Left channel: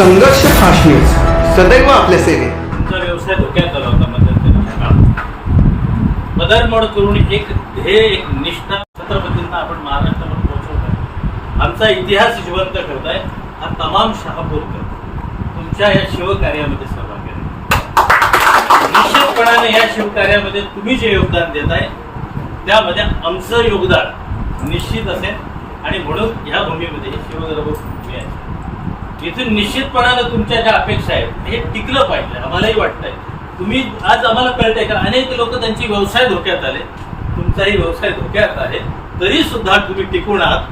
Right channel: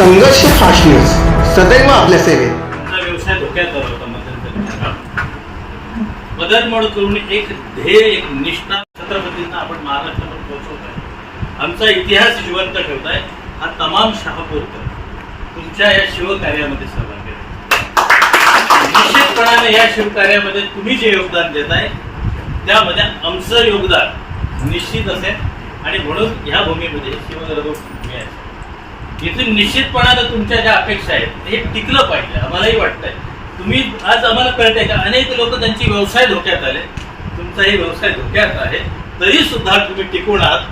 संघर्ष fast news सदैव आपल्या सेवेत. तुमचा व्यवसाय धोक्यात आला होता मध्यंतरीच्या काळात बदलमोड करून एक ध्येय एक निष्ठा छत्रपतींना आपण महाराष्ट्रामध्ये पोहोचवत आहे. आमचा इतिहास जिवंत ठेवताय. हा तमाम शहापूरकर तुमच्या या शिवकार्यामध्ये सहभाग आहे निश्चितपणाने या शिवकार्यामध्ये तुम्ही जे योगदान देताय त्यामध्ये आमचं योगदान निश्चित असेल. आणि म्हणून ह्या भूमीमध्ये शिवगर्भ भूमी आहे. इथून निश्चितपणानं तुमच्या ज्या अपेक्षा आहेत हे टिकलं पाहिजे आम्हालाही वाटतंय. तुम्ही आज आम्हाला कळतंय का? अनेक लोक त्यांची व्यवसाय धोक्यात आले. तुमचाही व्यवसाय धोक्यात आहे. तरी सुद्धा तुम्ही टिकून आहात.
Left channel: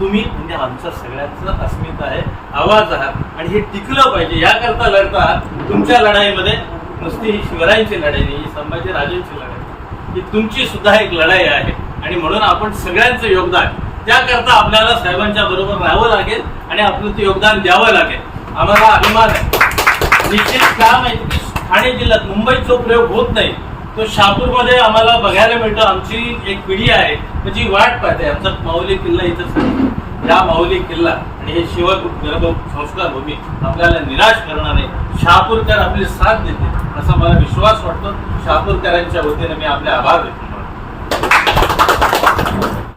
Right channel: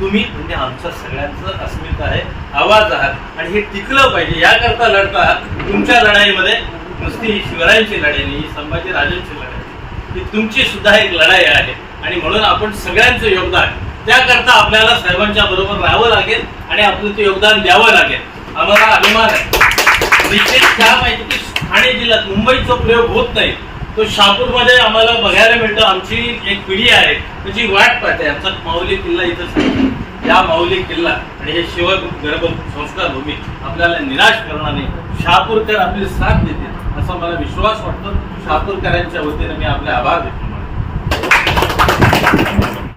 तुम्ही म्हणजे आमचा सगळ्यांचं अस्मिता आहे आवाज आहात. आणि हे टिकलं पाहिजे. याकरता लढता आहात. तुमच्या लढाईमध्ये नुसती ही शिवरायांची लढाई नाही ही संभाजीराजांची लढाई ही तुमची सुद्धा एक लढाई आहे. आणि म्हणून आपण सगळ्यांचं योगदान त्याकरता आपल्याला सर्वांच्या बरोबर राहावं लागेल आणि आपलं ते योगदान द्यावं लागेल. आम्हाला अभिमान आहे. निश्चित काय माहिती की ठाणे जिल्ह्यात मुंबईत जो प्रयोग होत नाही. तो शहापूरमध्ये आम्हाला बघायला मिळतो. आमची एक पिढी आहे. त्याची वाट पाहते. आमचा माऊली किल्ला इथंच या माऊली किल्ला आणि हे शिवाय गर्भ संस्कार भूमी आपल्याला निराश करणार नाही शहापूरकर आपली साथ देते असा मला विश्वास वाटतो. शहापूरकरांच्या वतीने मी आपले आभार देतो